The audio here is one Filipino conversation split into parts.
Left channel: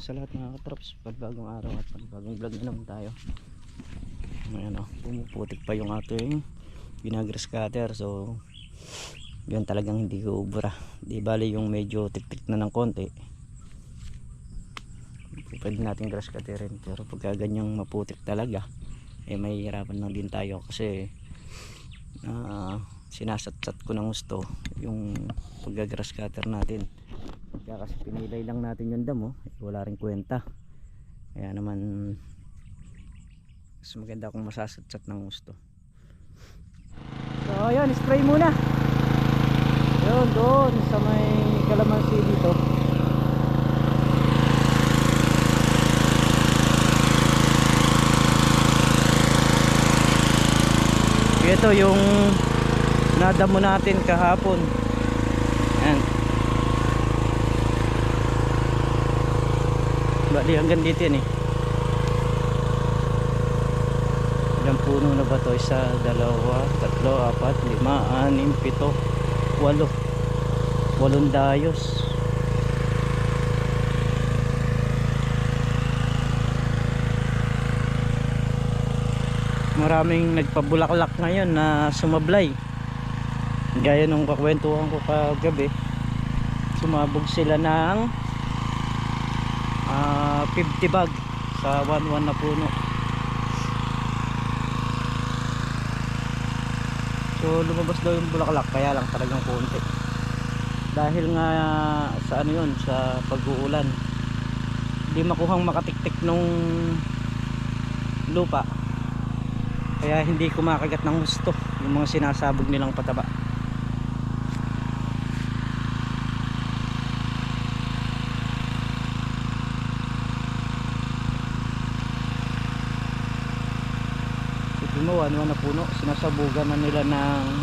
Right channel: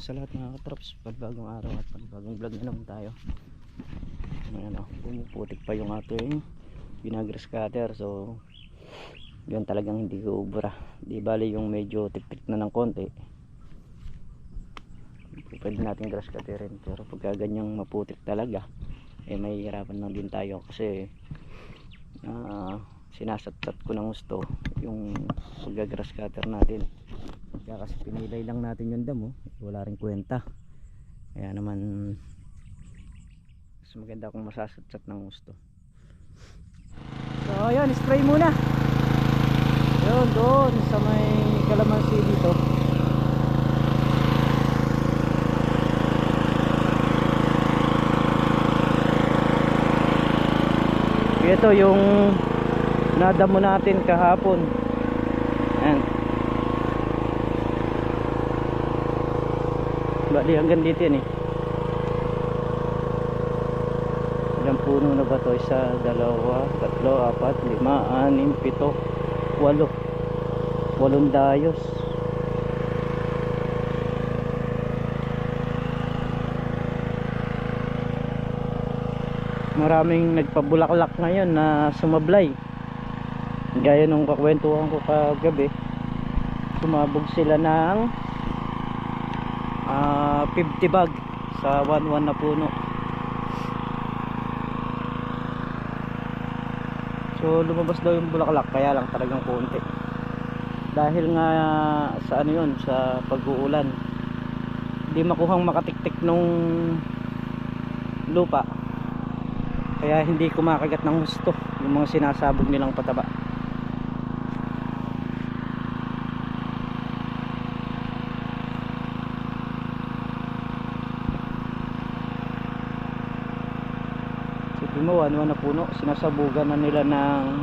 po sa lahat mga katrops, pagbagong araw at pagbagong vlog na naman tayo. Ayan o, pumuputik pa yung ating vinagrass cutter. So yan talagang hindi ko ubra. Di bali yung medyo tik-tik na ng konti, pwede natin grass cutterin. Pero pagka ganyang maputik talaga, eh may hirapan lang din tayo kasi sinasat-sat ko ng gusto yung pagga-grass cutter natin. Kaya kasi pinilay lang natin yung damo, wala rin kwenta. Kaya naman mas maganda kung masasat-sat ng gusto. So ayun, spray muna. Yun, doon sa may kalamansi dito. Ito yung nadamo natin kahapon. Ayan. Bali hanggang dito yan eh. Ilang puno na ba ito? Isa, dalawa, tatlo, apat, lima, anim, pito, walo. Walong dayos. Maraming nagpabulaklak ngayon na sumablay. Gaya nung kakwentuhan ko kagabi, sumabog sila ng 50 bag sa 1-1 na puno. So lumabas daw yung bulaklak, kaya lang talagang konti. Dahil nga sa ano yun, sa pag-uulan, hindi makuhang makatiktik nung lupa, kaya hindi kumakagat ng husto yung mga sinasabog nilang pataba. Ano na puno, sinasabugan na nila ng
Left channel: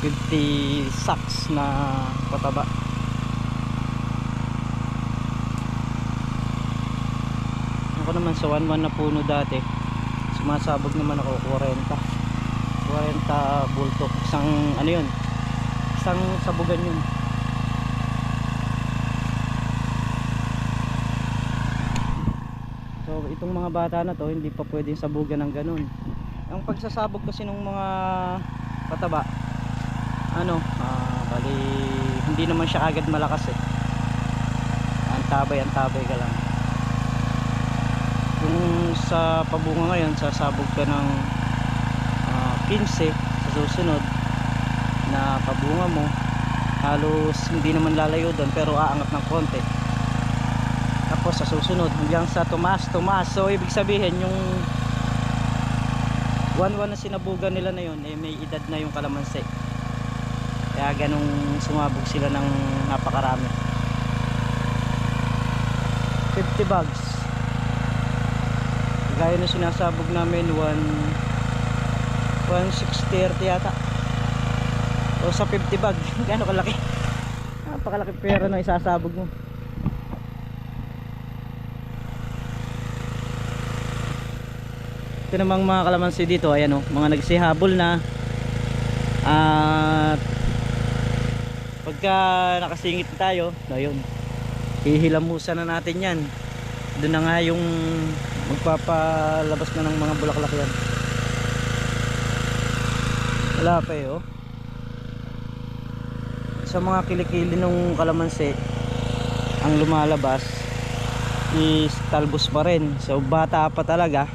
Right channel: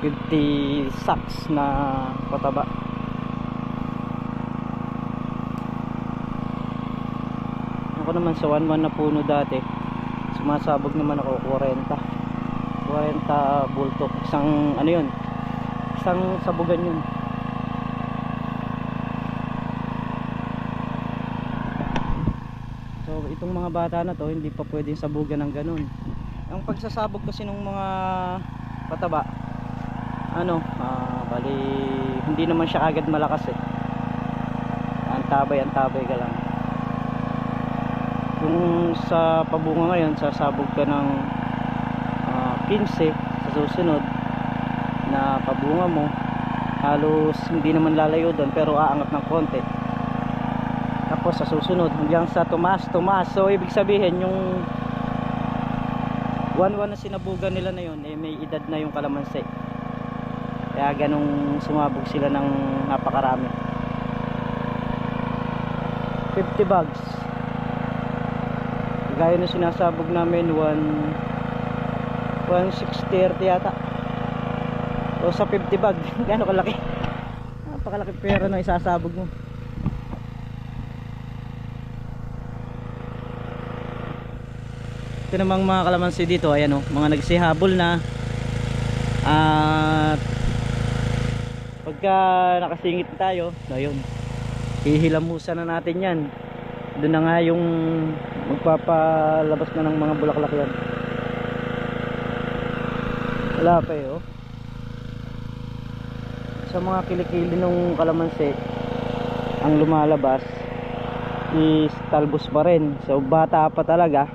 50 sacks na pataba. Ako naman sa 1-1 na puno dati, sumasabog naman ako 40 bulto. Isang ano yun, isang sabugan yun. So itong mga bata na to, hindi pa pwedeng sabugan ng ganun. Ang pagsasabog kasi ng mga pataba, bali hindi naman siya agad malakas eh. Antabay ka lang. Kung sa pabunga ngayon sasabog ka ng 15, sa susunod na pabunga mo halos hindi naman lalayo doon, pero aangat ng konti. Tapos sa susunod hanggang sa tumaas. So ibig sabihin yung 1-1 na sinabugan nila na yun, eh may edad na yung kalamansi. Kaya ganong sumabog sila ng napakarami. 50 bags gaya na sinasabog namin, 160 yata. O sa 50 bag gano'ng kalaki, napakalaki pera na isasabog mo. Ito namang mga kalamansi dito, ayan o, mga nagsihabol na. At pagka nakasingit tayo, ayun, hihilamusan na natin yan. Doon na nga yung magpapalabas na ng mga bulaklak yan. Wala pa eh oh. Sa mga kilikili ng kalamansi, ang lumalabas is talbos pa rin. So bata pa talaga,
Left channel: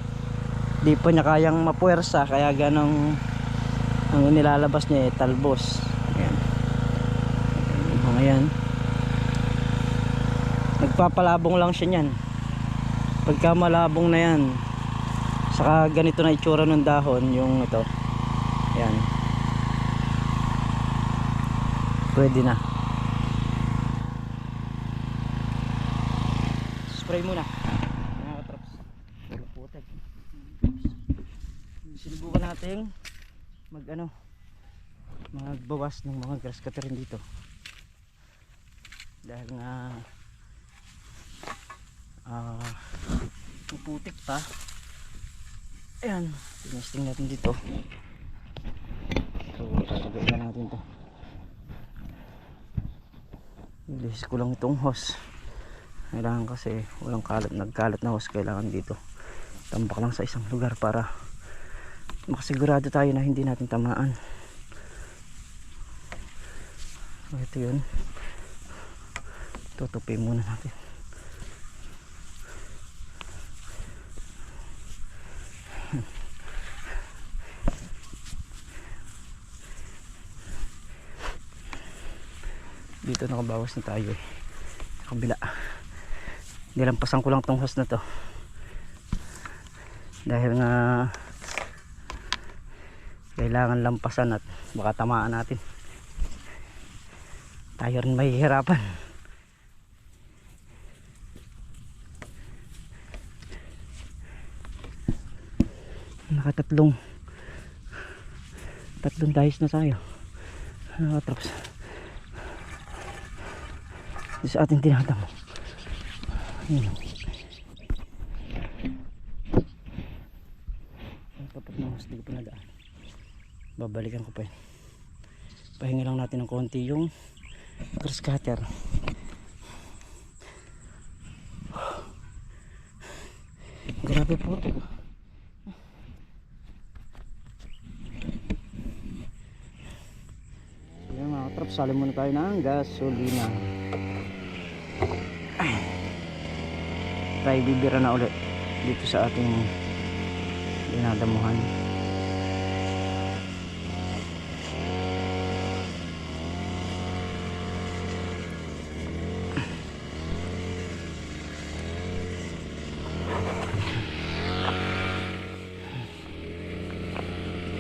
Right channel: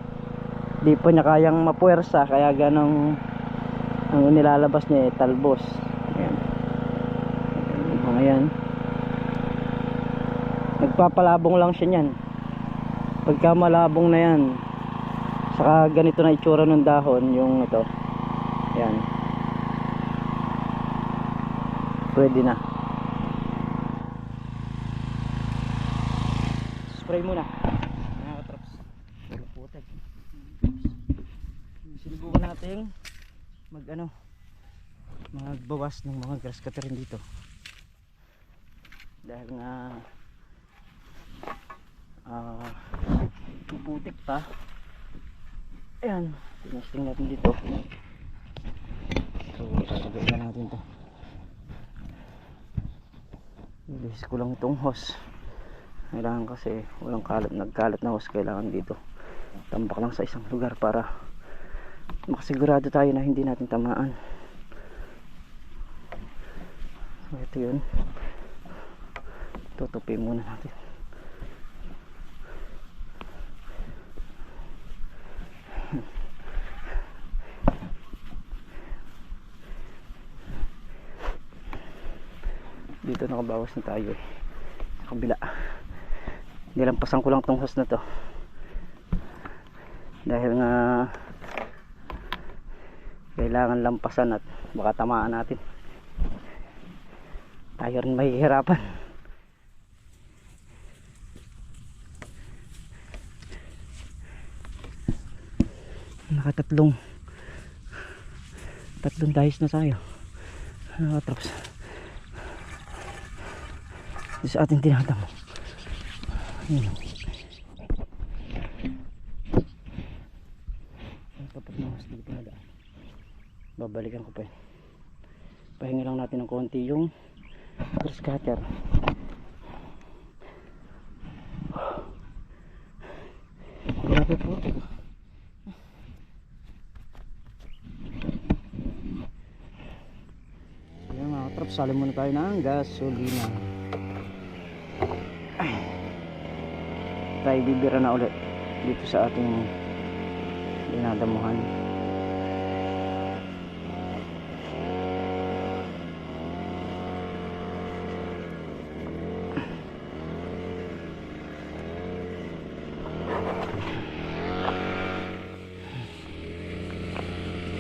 di pa niya kayang mapuwersa, kaya ganong ang nilalabas niya eh, talbos. Ayan. Ayan. Nagpapalabong lang siya niyan. Pagka malabong na yan, saka ganito na itsura ng dahon, yung ito. Ayan. Pwede na. Spray muna. Nakaka-traps. Putek. Sinubukan natin magbawas ng mga grass cutter dito, dahil nga puputik pa. Ayan, tinesting natin dito. So tatagay na natin to. Ilis ko lang itong hose. Kailangan kasi walang kalat, nagkalat na hose, kailangan dito tambak lang sa isang lugar para makasigurado tayo na hindi natin tamaan. So ito yun, tutupi muna natin. Dito nakabawas na tayo sa kabila. Nilampasan ko lang tong hose na to dahil nga kailangan lampasan at baka tamaan natin, tayo rin mahihirapan. Nakatatlong dahis na tayo, nakatraps sa ating tinatamo. Yun, ang tapat na mas dito na daan. Babalikan ko pa yun. Pahinga lang natin ng konti yung grass cutter. Grabe po. Ayan mga katraps, sali muna tayo ng gasolina. Tayo bibira na ulit dito sa ating dinadamuhan.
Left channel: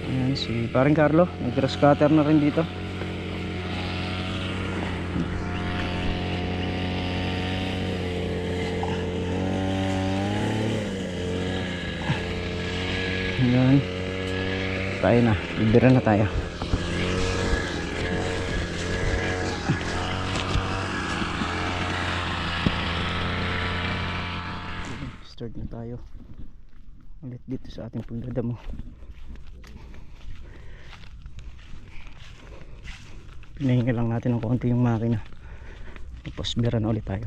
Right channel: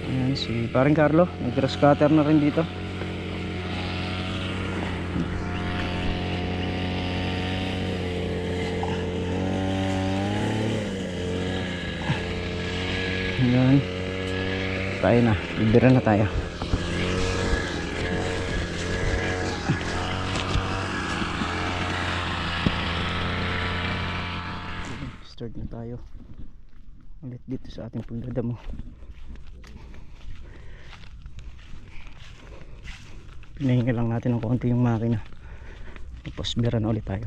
Ayan si paring Carlo, nag-grass cutter na rin dito. Ayan, tayo na, bibira na tayo. Start na tayo ulit dito sa ating pagdadamo. Pinahinga lang natin ng konti yung makina, tapos bira na ulit tayo.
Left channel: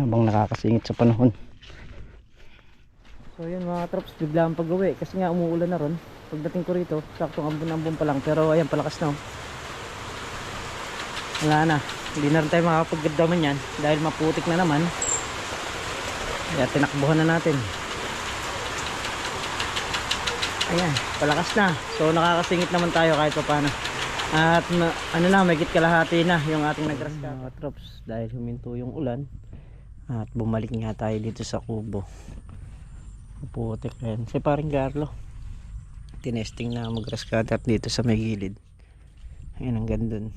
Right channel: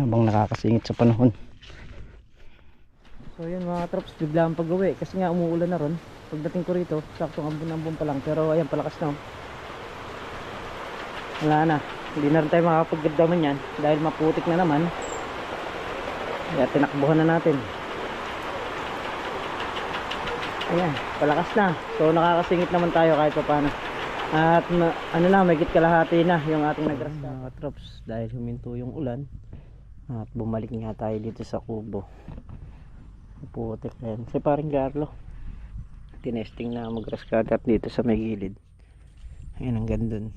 Habang nakakasingit sa panahon. So yun mga traps, bigla ang pag-uwi kasi nga umuulan na ron. Pagdating ko rito, saktong ambon-ambon pa lang, pero ayan, palakas na. Wala na, hindi na rin tayo makakapagdaman yan dahil maputik na naman. Kaya tinakbuhan na natin. Ayan, palakas na. So nakakasingit naman tayo kahit pa paano. At ano na, may kalahati na yung ating nag-grass cutter. Mga traps, dahil huminto yung ulan at bumalik nga tayo dito sa kubo. Putik na yan. Si paring Carlo, tinesting na mag-grass cutter dito sa may gilid. Ayan, ang ganda dun.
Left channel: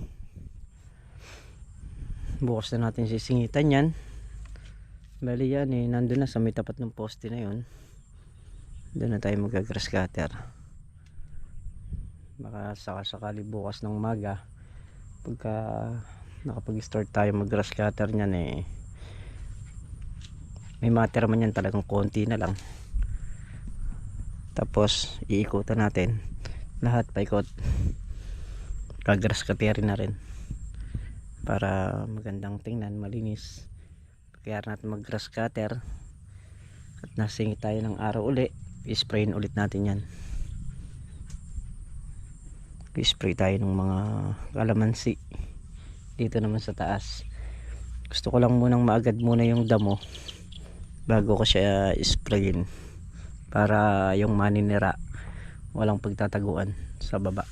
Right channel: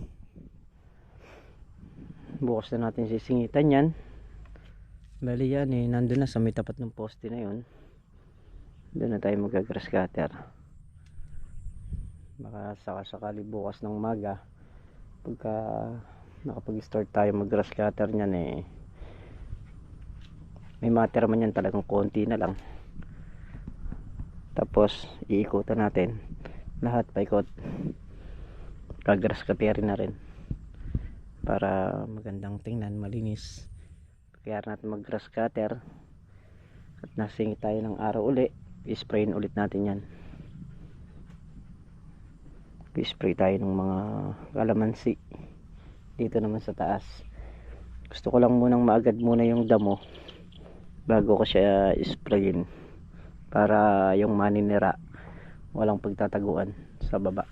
Bukas na natin sisingitan yan. Bali yan eh, nandun na sa may tapat ng poste na yun. Doon na tayo mag-grass cutter. Baka sakali bukas ng umaga, pagka nakapag-start tayo mag-grass cutter nyan eh, may matira man yan talagang konti na lang. Tapos iikutan natin lahat, paikot, kag-grass cutter na rin para magandang tingnan, malinis. Kaya natin mag-grass cutter at nasingit tayo ng araw uli, i-sprayin ulit natin yan. I-spray tayo ng mga kalamansi dito naman sa taas. Gusto ko lang munang maagad muna yung damo bago ko siya sprayin para yung maninira walang pagtataguan sa baba.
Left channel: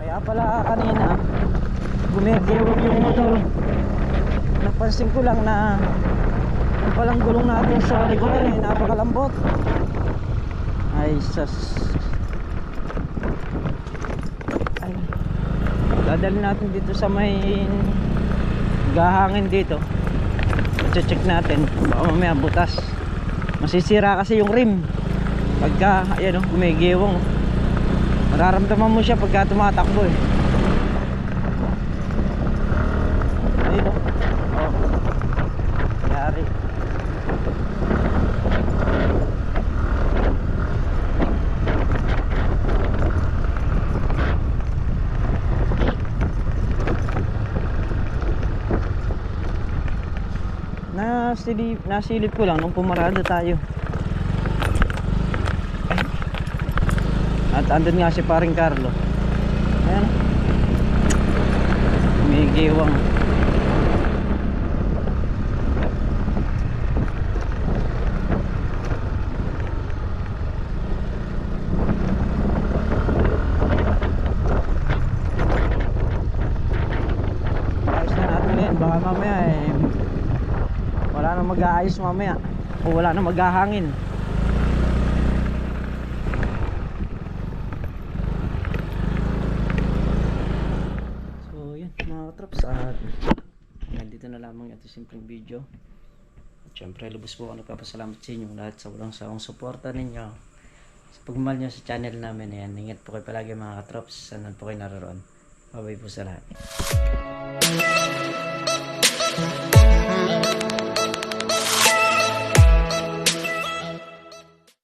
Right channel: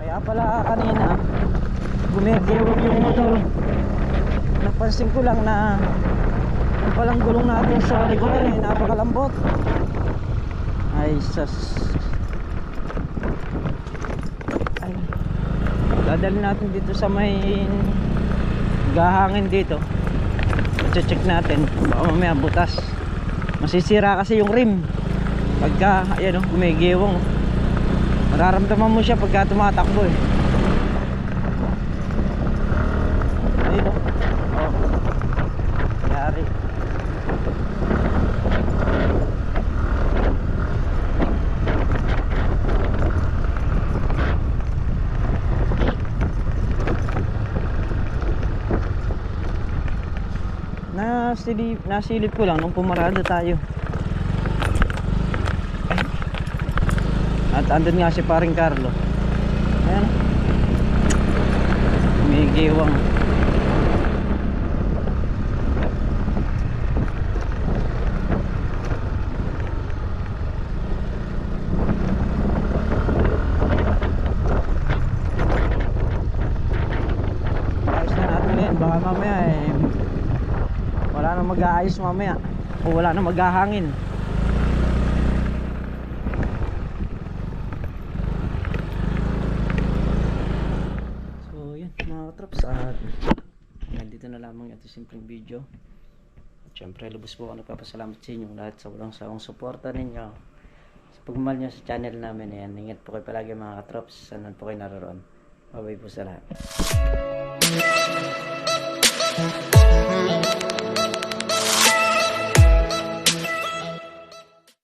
Kaya pala kanina gumigilog yung motor, napansin ko lang na yung palang gulong natin sa likuran ay napakalambot. Ay sas, ay, dadalhin natin dito sa may gahangin dito. I-check natin, baka mamaya butas, masisira kasi yung rim pagka ayan o, gumigiwang. Mararamdaman mo siya pagka tumatakbo eh. Ayun o, oh, yari. Nasilip ko lang nung pumarada tayo. At andun nga si paring Carlo. Ayan. May giwang. Ayos na natin yan. Baka mamaya wala nang mag-aayos mamaya. O wala nang maghahangin. Traps at nandito na lamang ito simpleng video. At syempre lubos po ako nagpapasalamat sa inyo lahat sa walang sawang suporta ninyo sa pagmamahal nyo sa channel namin. Ayan, ingat po kayo palagi mga katrops, saan po kayo naroon. Bye bye po sa lahat.